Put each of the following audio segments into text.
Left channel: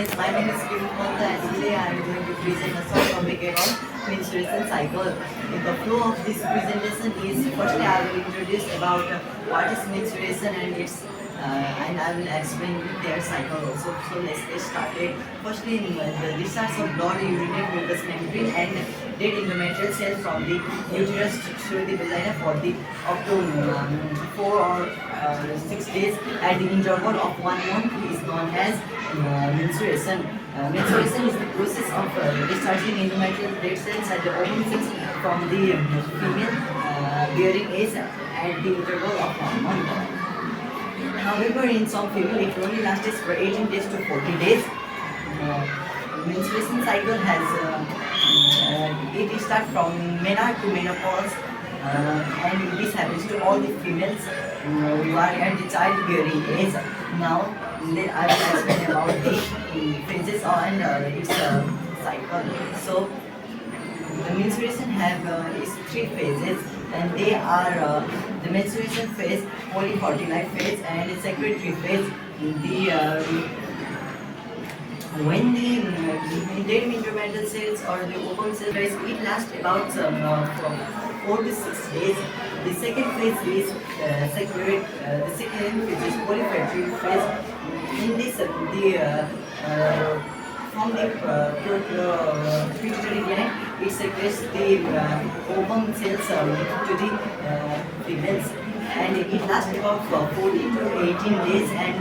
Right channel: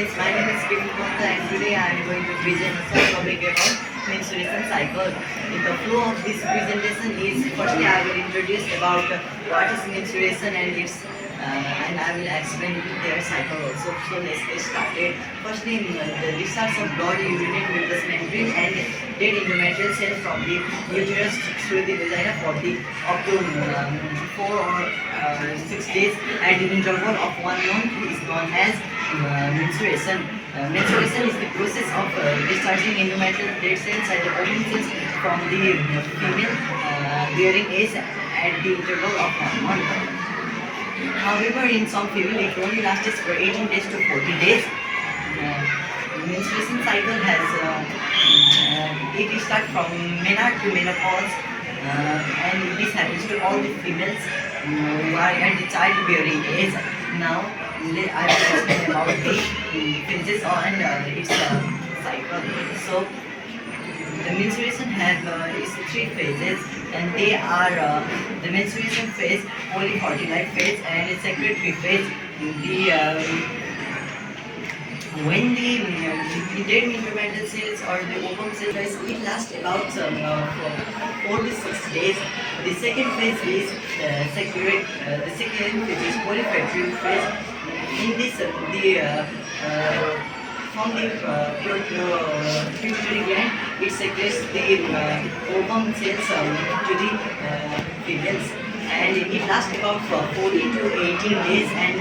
guys, my name is Kiran and today I am going to present a short topic about menstruation cycle. In the flow of this presentation is firstly I will introduce about what is menstruation and I will explain their cycle also. So let's get started. Firstly, the discharge of blood urinate mucous membrane and dead endometrial cell from the uterus through the vagina for the up to 4 or 6 days at the interval of 1 month is known as menstruation. Menstruation is the process of discharging endometrial dead cells and the ovum cells from the female bearing age at the interval of 1 month. However, in some female, it only lasts for 18 days to 40 days. Menstruation cycle has it starts from menarche to menopause, and this happens to all the females who are at the childbearing age. Now, I will explain about the phases and its cycle. So, the menstruation has its 3 phases, and they are the menstruation phase, polyfertilized phase, and secretory phase. When the dead endometrial cells or the ovum cells, it lasts about from 4 to 6 days. The second phase is the second phase is polyfertilized phase. In this, from the pituitary gland, it secretes the ovum cells to the females, and it lasts about 14 to 18 days. And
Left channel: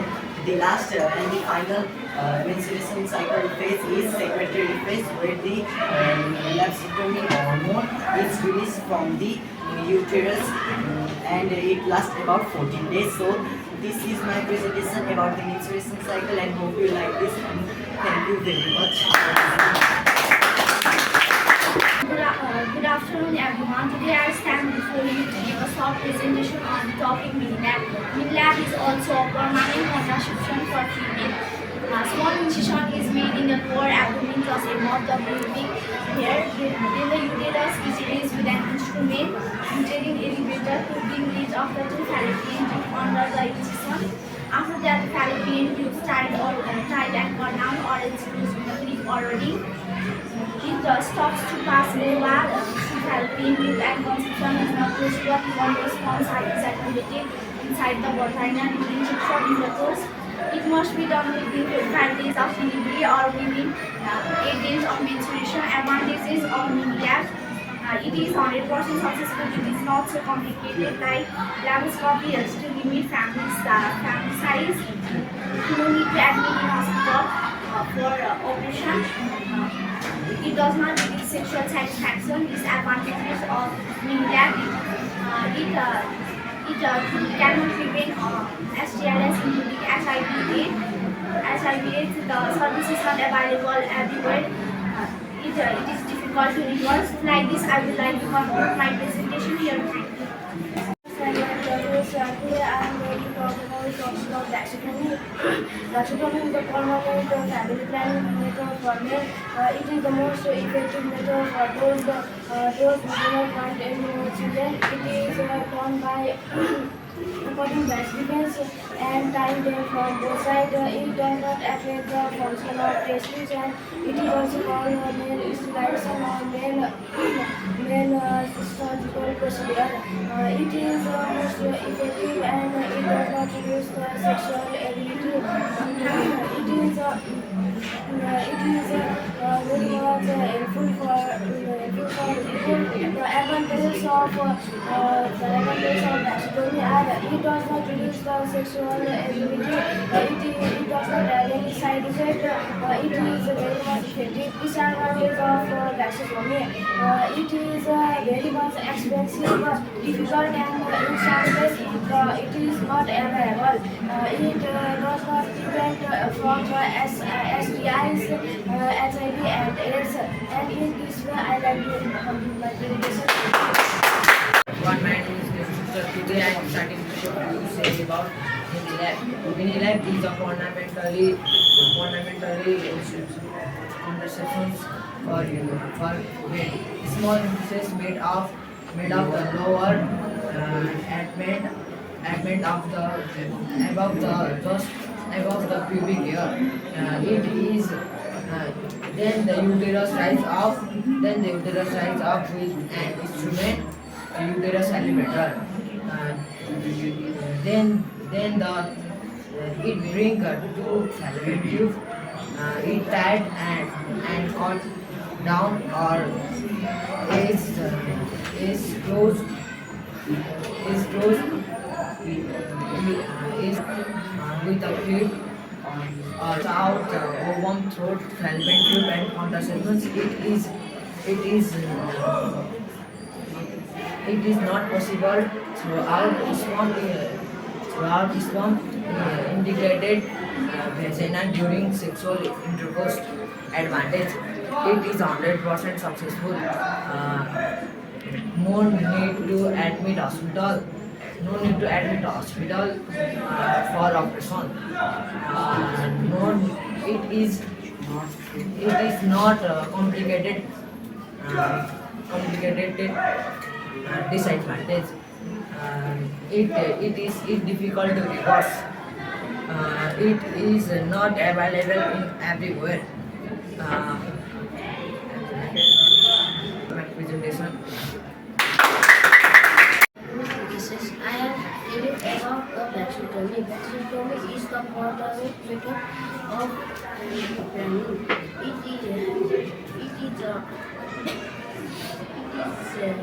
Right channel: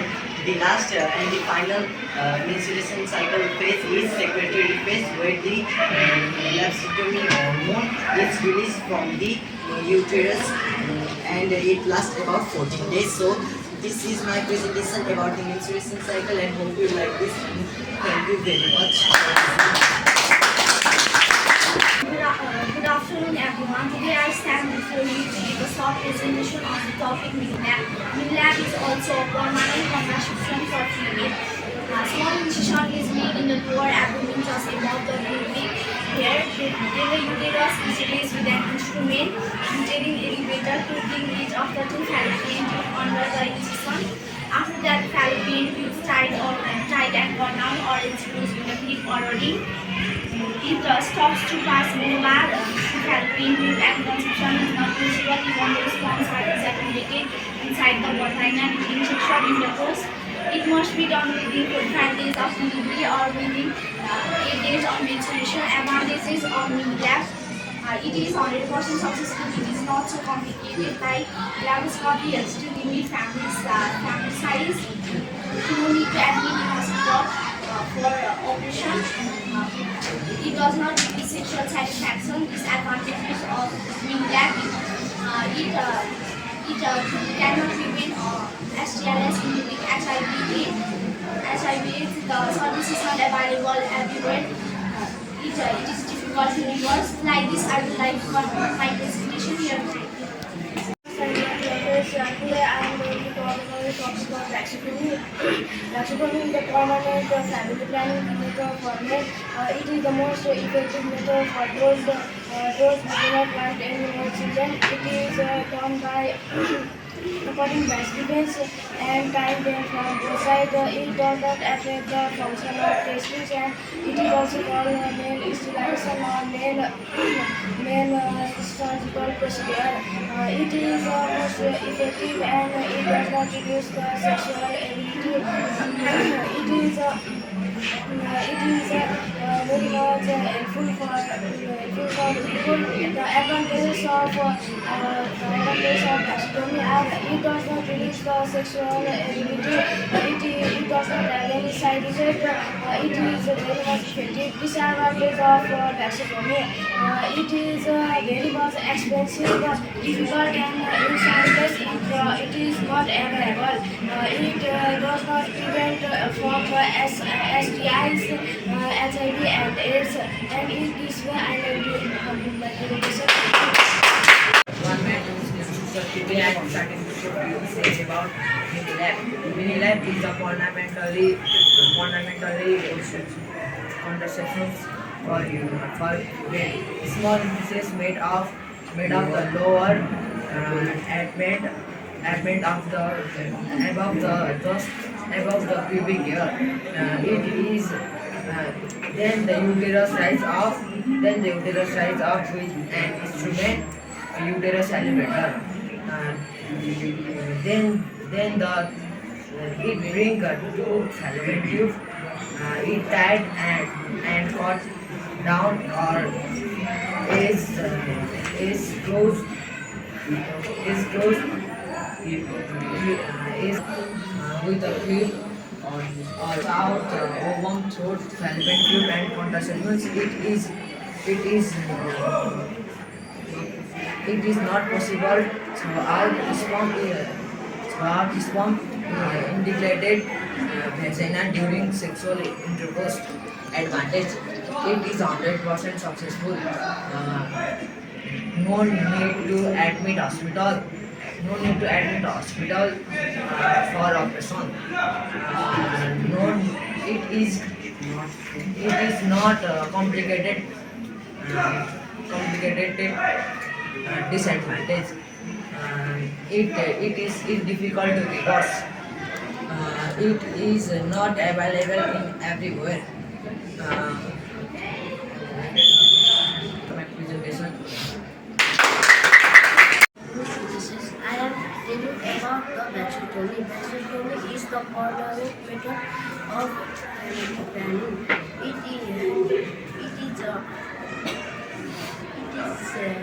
the last and the final menstruation cycle phase is secretory phase, where the lactotomy hormone is released from the uterus, and it lasts about 14 days. So this is my presentation about the menstruation cycle, and hope you like this. Thank you very much. Good afternoon, everyone. Today I stand before you to give a short presentation on the topic mini-lab. Mini-lab is also a permanent contraception for female. Small incision is made in the lower abdomen just above the pubic hair. Then the uterus is raised with an instrument uterine elevator to bring each of the 2 fallopian tubes under the incision. After that, the fallopian tubes tied and worn down or exposed with a clip or a ring. It stops to pass molar fallopian tube, and conception is not possible even though sperm is accumulated inside the vagina during sexual intercourse. It must be done within 45 days of delivery or within 8 days of menstruation. Advantages of mini-lab. It is 100% successful. It is not so complicated like laparoscopy to limit family size. No need to admit in hospital for operation. It does not give sexual satisfaction. Disadvantages of mini-lab. It cannot prevent STLs, including HIV/AIDS. HIV/AIDS, the service is not available everywhere. It is difficult to reverse. Like this, I would like to conclude my presentation here. Thank you. Today I am going to talk about the topic of vasectomy. Vasectomy is the permanent family planning method for men. It is the most effective method for those who do not want any more children. It is done by cutting vesicles and tying them from both sides. It does not affect the function of testes, and it is also called male sterilization or male surgical procedure. It is most effective, and it does not reduce the sexual ability. It is very much helpful for people. The advantages of vasectomy are it does not reduce the sexual ability. It does not have any side effect. It is very much effective. Disadvantage of vasectomy. It is very much expensive, difficult, and in some cases it is not available. It does not prevent from STIs, HIV and AIDS, and in this way I like to complete my presentation. One minute so today I am starting to say about mini-lab. Mini-lab is a ornamentally contraception for men. Small pieces made of the lower abdomen above the just above the pubic hair. It is then the uterus rise up with an instrument, uterus elevator. Uh, then the it bring two fallopian tube. It tied and cut down or is closed is with a clip or out ovum throat fallopian tube and contraceptives. It is not possible throughout sperm integrated vagina during sexual intercourse. Advantage: it is 100% successful. No need to admit hospital. For operation. No, it is not complicated disadvantage. It difficult to reverse. It is not available in everywhere. Uh, my presentation. I am telling about the vasectomy. Vasectomy is the moderate method of planning. It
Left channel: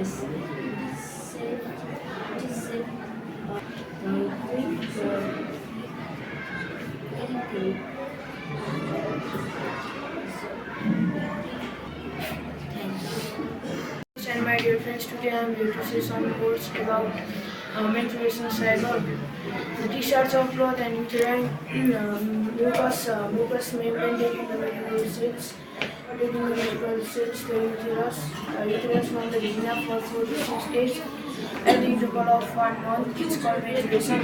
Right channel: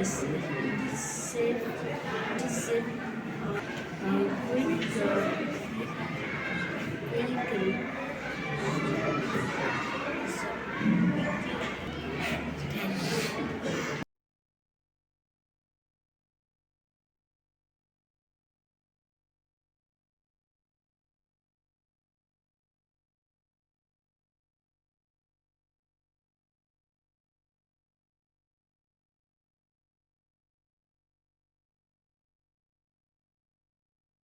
is safe, quick, very quick. Thank you. And my dear friends, today I am going to say some words about menstruation cycle. The discharge of blood and uterine mucous membrane taking the medical cells, the uterus from the vagina for 4 to 6 days. At the interval of 1 month, it's called menstruation.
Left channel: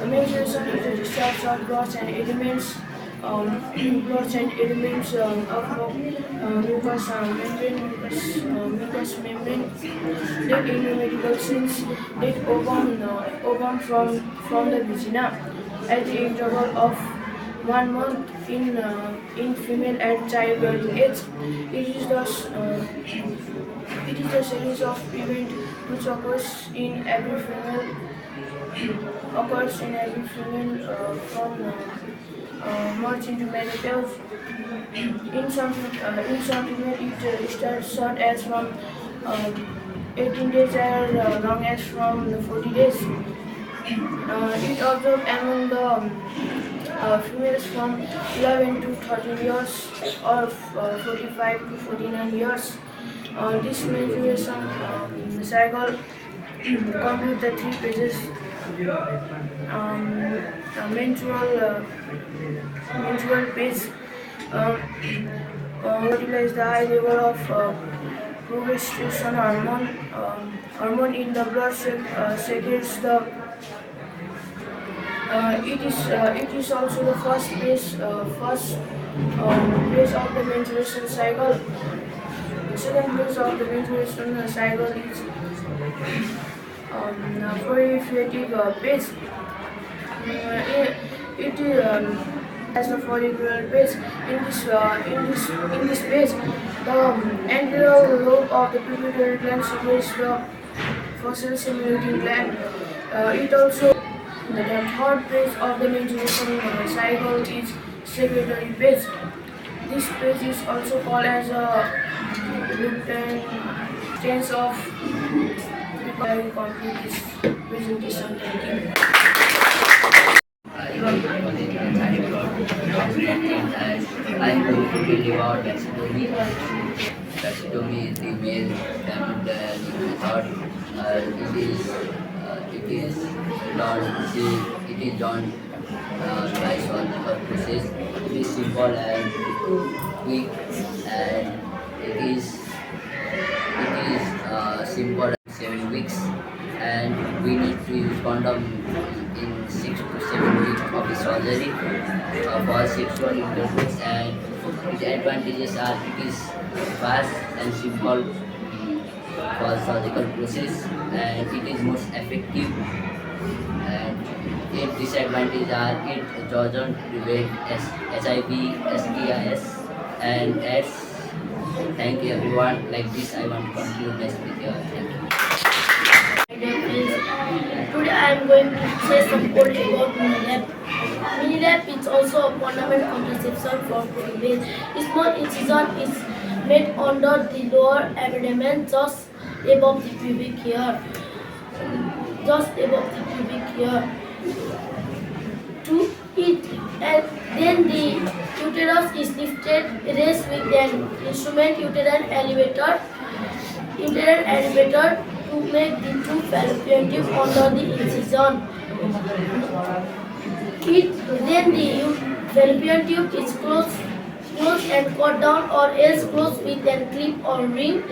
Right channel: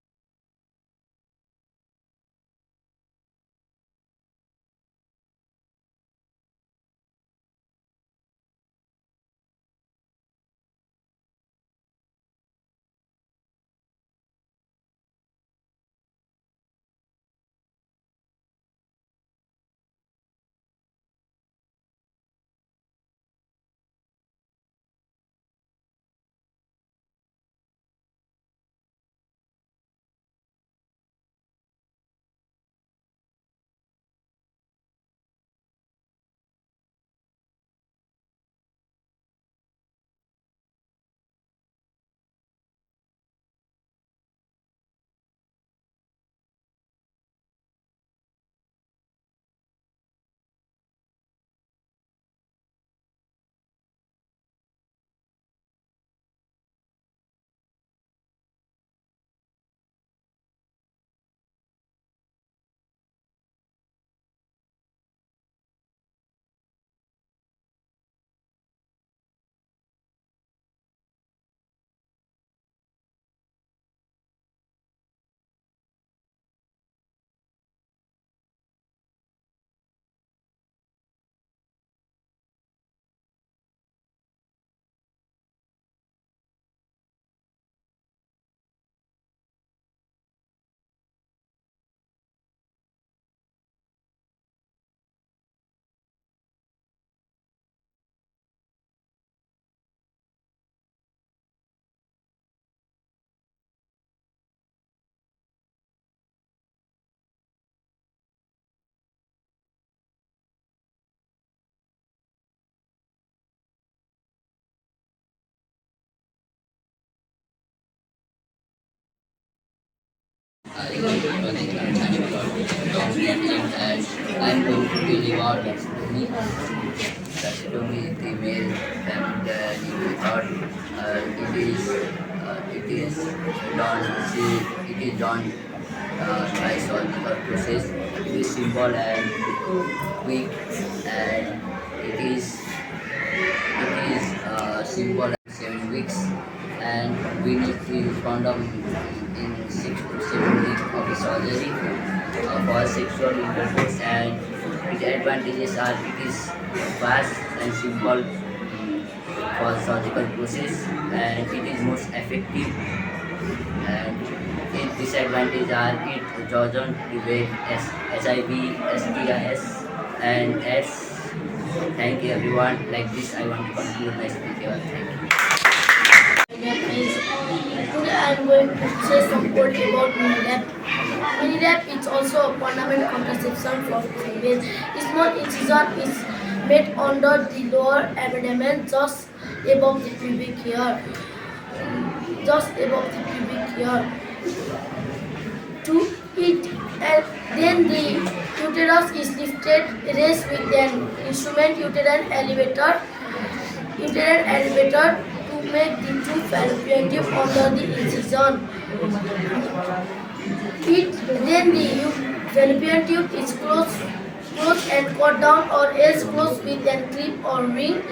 The menstruation is the discharge of blood and elements of mucous membrane that in the medical sense that ovum from the vagina at the interval of 1 month in female at childbearing age. It is the series of events which occurs in every female from merge into menopause. In some female it starts short as from 18 days as long as from 40 days. It observed among the females from 11 to 13 years or 45 to 49 years. This menstruation cycle completes the 3 phases. Menstrual phase utilize the high level of progesterone hormone in the blood secretes the. It is also the first phase of the menstruation cycle. The second phase of the menstruation cycle is proliferative phase. It as the follicular phase. In this phase, the anterior lobe of the pituitary gland secretes the fossil-stimulating gland. It also the third phase of the menstruation cycle is secretory phase. This phase is also called as a lutein phase of. I will complete this presentation. Thank you. Thank God dominating, and I'm going to tell you about vasectomy. Vasectomy is the male family thought. It is done by surgical process. It is simple and quick, and it is simple. 7 weeks, and we need to use condom in 6 to 7 weeks of the surgery for sexual intercourse. And the advantages are it is fast and simple for surgical process, and it is most effective And its disadvantages are it doesn't prevent HIV, STIs, and AIDS. Thank you everyone. Like this, I want to conclude my speech here. Thank you. My name is. Today I am going to say some word about Minilab. Minilab is also a permanent contraception for females. Small incision is made under the lower abdomen, just above the pubic hair. Just above the pubic hair. To it, and then the uterus is lifted, raised with an instrument, uterine elevator to make the true fallopian tube under the incision. Then the fallopian tube is closed and cut down, or else closed with a clip or ring.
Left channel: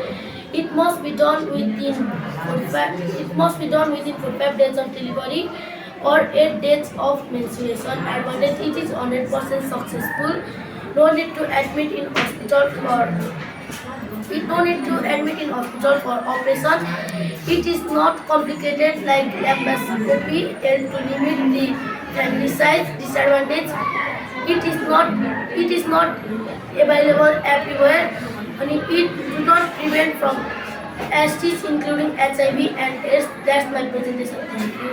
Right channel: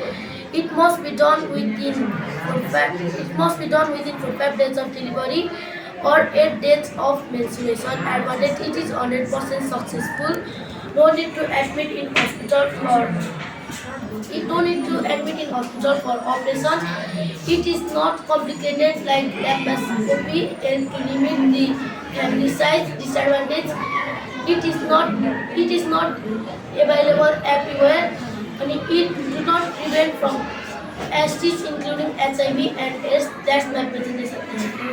It must be done within 45 days of delivery or 8 days of menstruation. Advantage: it is 100% successful. No need to admit in hospital for operation. It is not complicated like laparoscopy and to limit the family size. Disadvantage: it is not available everywhere, and it do not prevent from STIs including HIV and AIDS. That's my presentation. Thank you.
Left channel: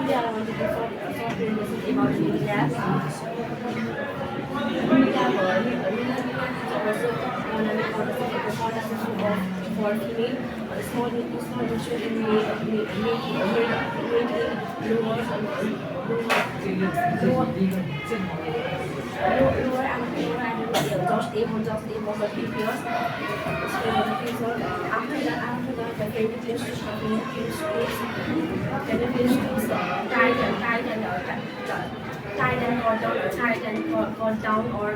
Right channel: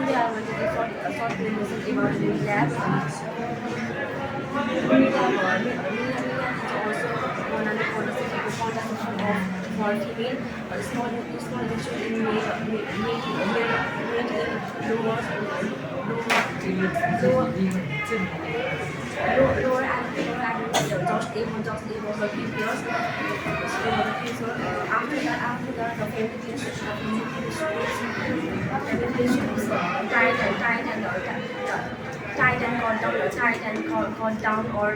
Today I want to give a short presentation about Minilab. Minilab is also one of the contraception for female. Small injection in made lower and just able for 3 years. After that, the penetration is tight and cut down, or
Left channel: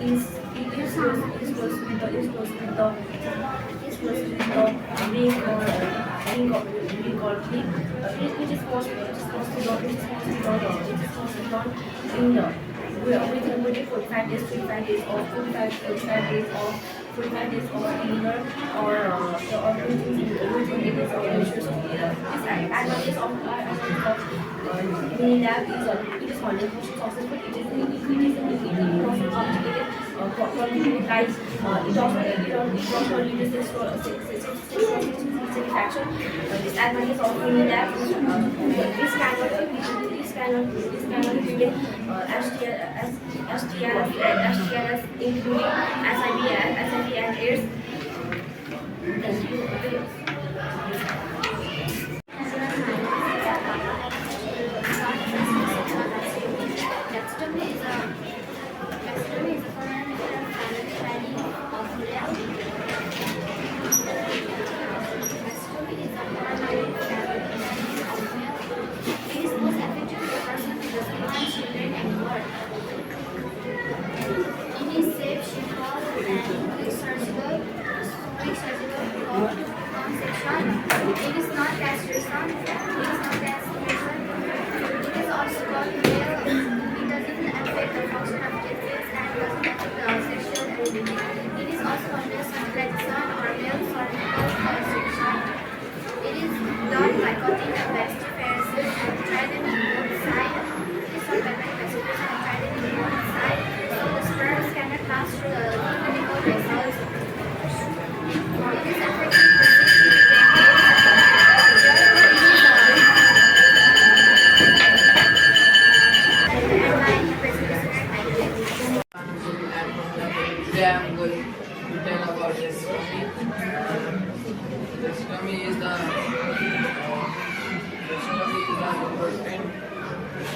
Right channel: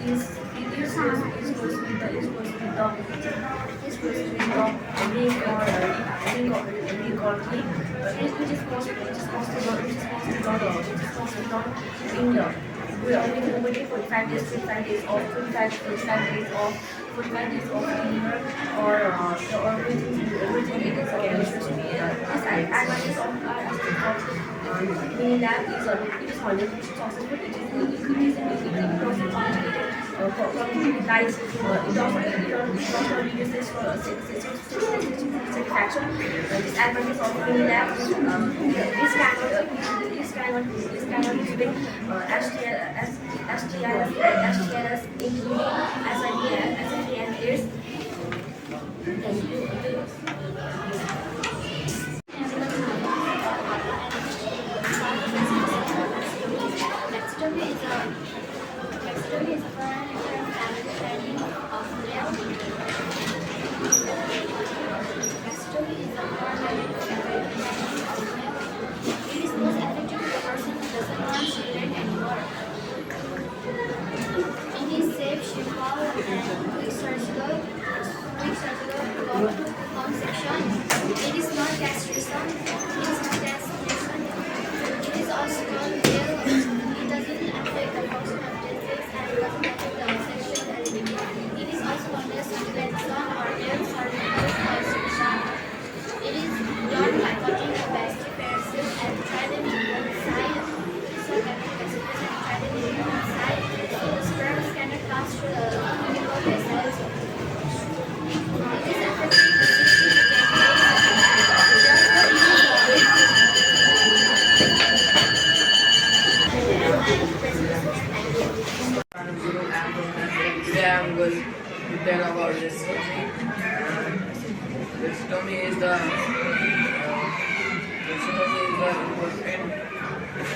is close with the ring or clip. It is mostly done in the within 45 days of delivery, or within 8 days of menstruation. This advantage of Minilab is it is 100% successful. It also complicated like it also reduces satisfaction. Disadvantage of Minilab: this cannot prevent STIs including HIV and AIDS. Thank you. Mastectomy is a foreign family planning of male. Mastectomy is a foreign family planning of male. It is most effective to the person who doesn't want children anymore. It is safe, simple, and quick surgical conception. It is not castration. It is also called male. It doesn't affect the function of testes and doesn't affect the sexual ability. It is also called as flexion or male surgical conception. It is done by cutting the vestibules and threading both sides. Some magnetic vestibules and threading both sides, so the sperm cannot pass through the clinical vessels. It is effective for 60 to 10 days. Therefore, it is Today I am going to tell about this tummy. This tummy is the important.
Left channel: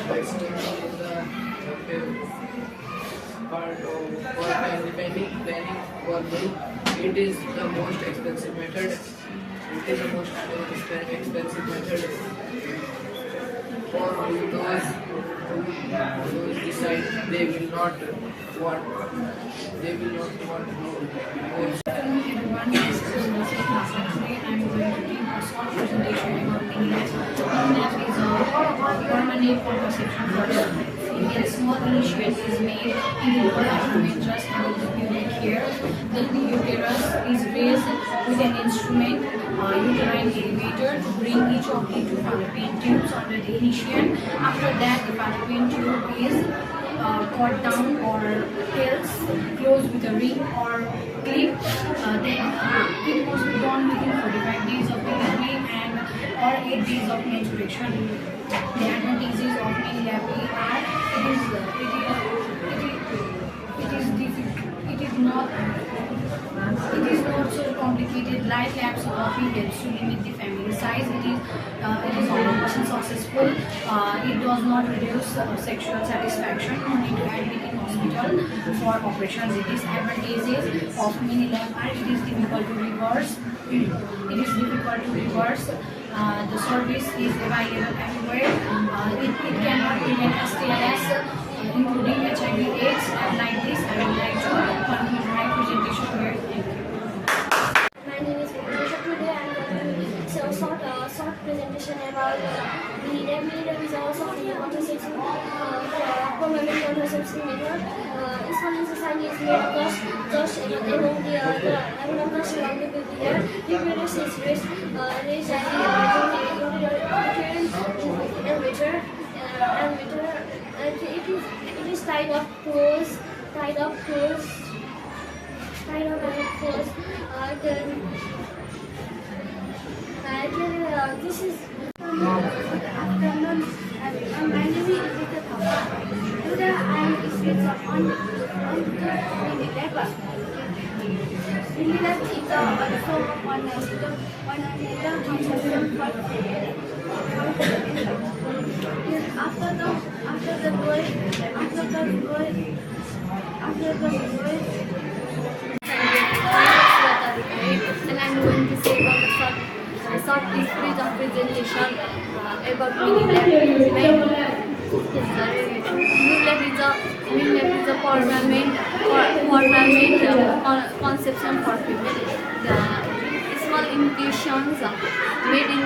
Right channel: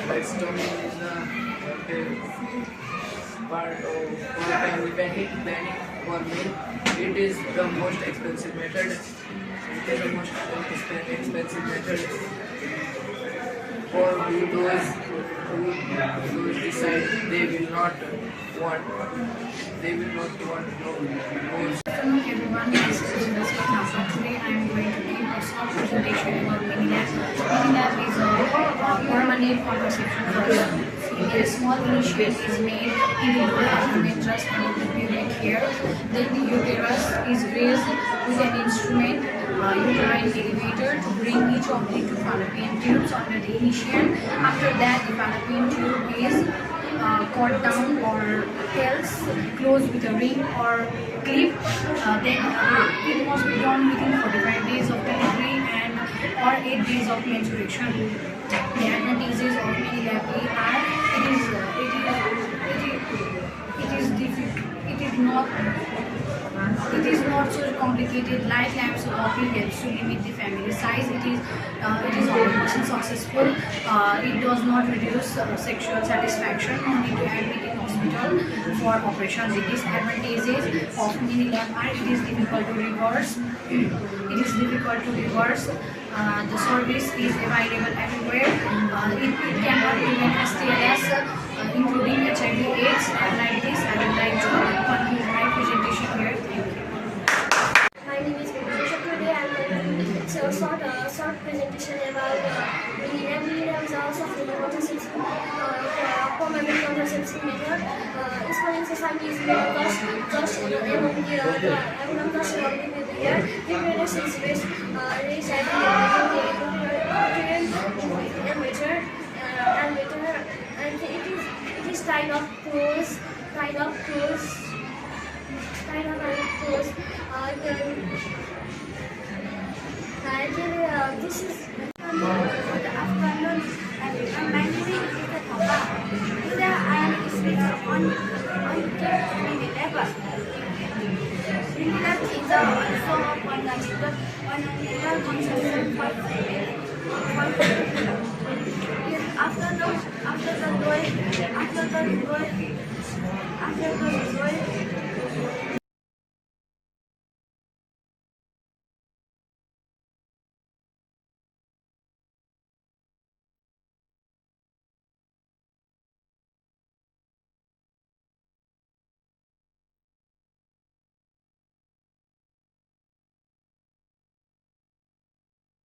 This tummy is the part of family planning for me. It is the most expensive method. It is the most expensive method for those decide they will not want more. Good afternoon everyone, this is Nasa. Today I am going to give a short presentation about Minilab. Minilab is a permanent contraception for a small incision is made in the lower abdomen just above the pubic hair. Then the uterus is raised with an instrument, uterine elevator, to bring each of the two fallopian tubes under the initial. After that, the fallopian tube is cut down or held closed with a ring or clip. Then it must be done within 45 days of delivery and or 8 days of menstruation. The advantages of mini labby are it is not so complicated like laparoscopy helps to limit the family size. It is 100% successful. It does not reduce sexual satisfaction. You need to admit in hospital for operations. The disadvantages of mini lab are it is difficult to reverse. The service is available everywhere. It cannot prevent STIs, including HIV/AIDS. And like this, I would like to conclude my presentation here. Thank you. My name is MBJBS. Today I am going to show a short presentation about mini-lab. Mini-lab is also a contraceptive permanent contraceptive method. Its following society is made of just among the abnormal along the year. The uterus is raised at the uterine and it is tied up close. This is afternoon. And my name is Rita Thapa. Today I am speaking on mini lab. Mini lab is also one another conception for after the door. And I'm going to say about a short piece of presentation about mini lab. Mini lab is a permanent conception for female. The small infusions made in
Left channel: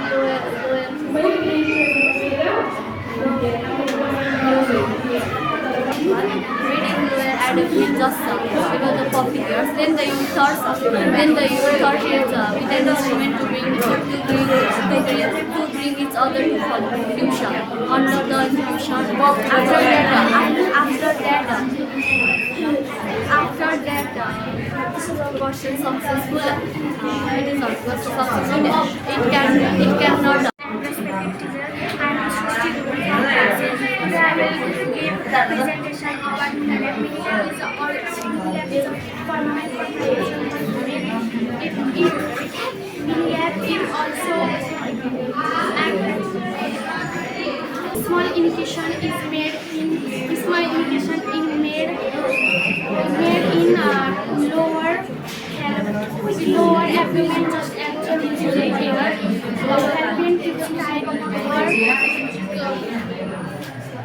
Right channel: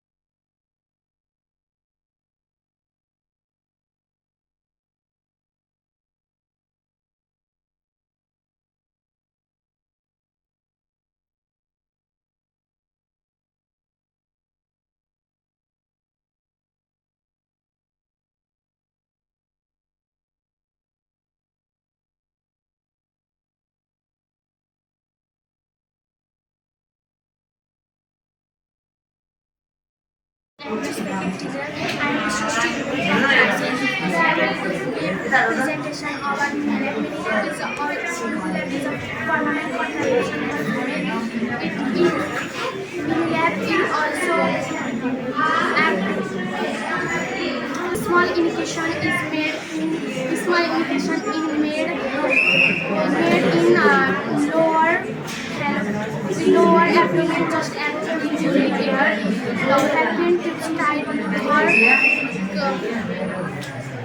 abdomen just below the puppy ears. Then the uterus is with an instrument to bring each other to fusion under the infusion. After that, this is a version successful. It is not successful. It cannot. Respected teacher, I am Srishti from classes. Today I will give presentation about mini lab. Mini lab is a permanent contraception for women. Mini lab is also small indication is made in lower abdomen just at the air. The fallopian tubes tied or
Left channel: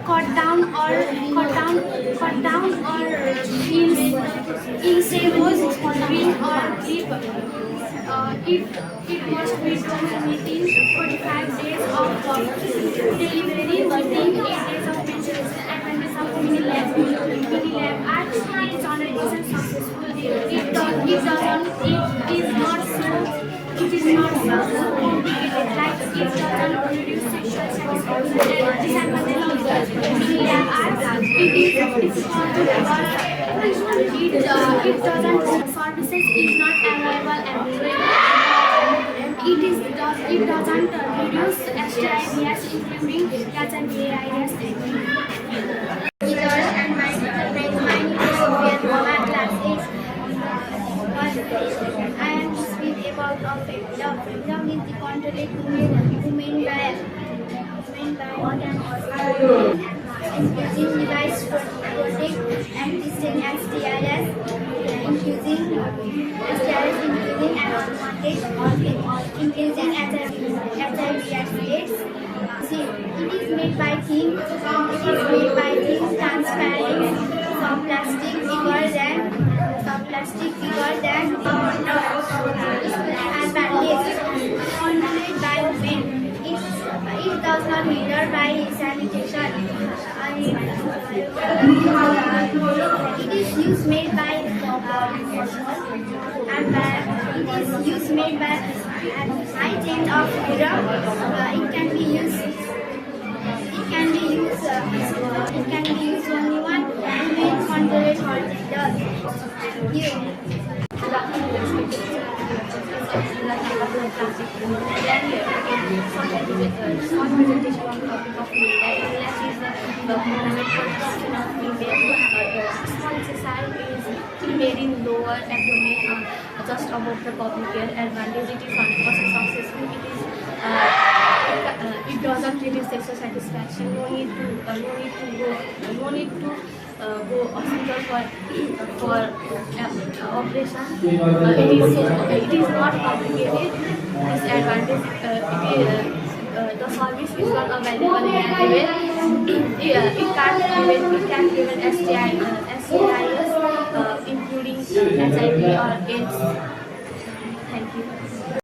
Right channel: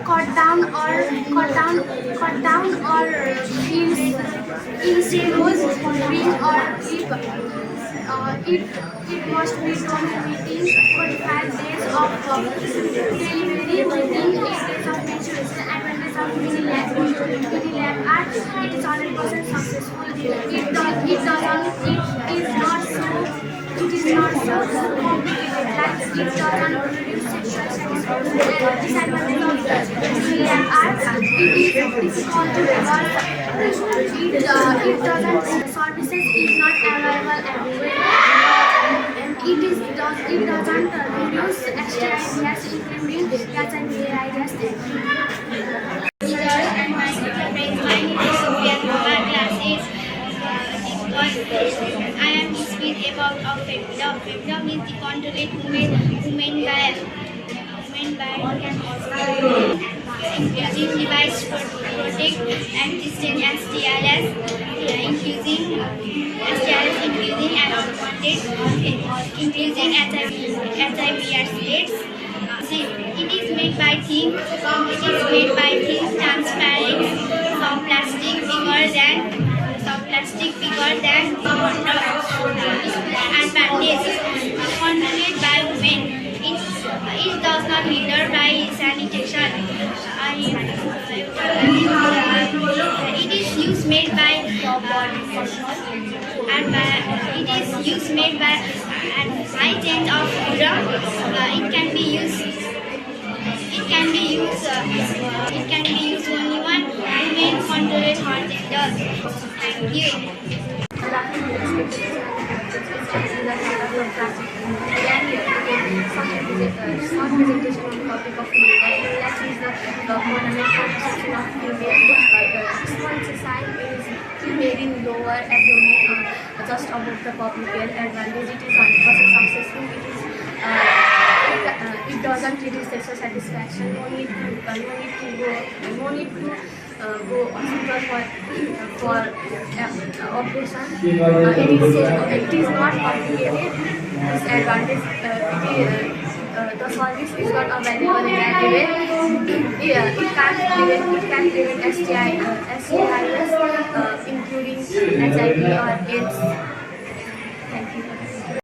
cut down or in series ring or clip. It must be done within 45 days of delivery, within 8 days of menstruation. Advantage of mini lab are it is 100% successful. It is not so complicated. Like it doesn't reduce sexual satisfaction. And disadvantage of mini lab are it is difficult to reverse. It doesn't services is not available everywhere. It doesn't reduce STIs, including HIV/AIDS. And my name is Sophia Kumar, class 8. I am speaking about femdom. Femdom is the controlled women by using device to protect existing STIs, including and unwanted, including HIV/AIDS. It is made by thin, transparent, soft plastic bigger than condom and bandage, controlled by women. It does not hinder by sanitation. it is used made by it is used made by at high end of urine. It can be used. It can be used. It can be used only one women control her gender. Thank you. Short presentation on the topic of MBJBS. MBJBS is the permanent contraction of female. Small exercise is made in lower abdomen, just above the pubic hair. Advantage: it is 100% successful. It doesn't reduce sexual satisfaction. No need to go hospital for operation. It is not complicated. Disadvantage: the service is not available in everywhere. It can prevent STIs, including HIV or AIDS.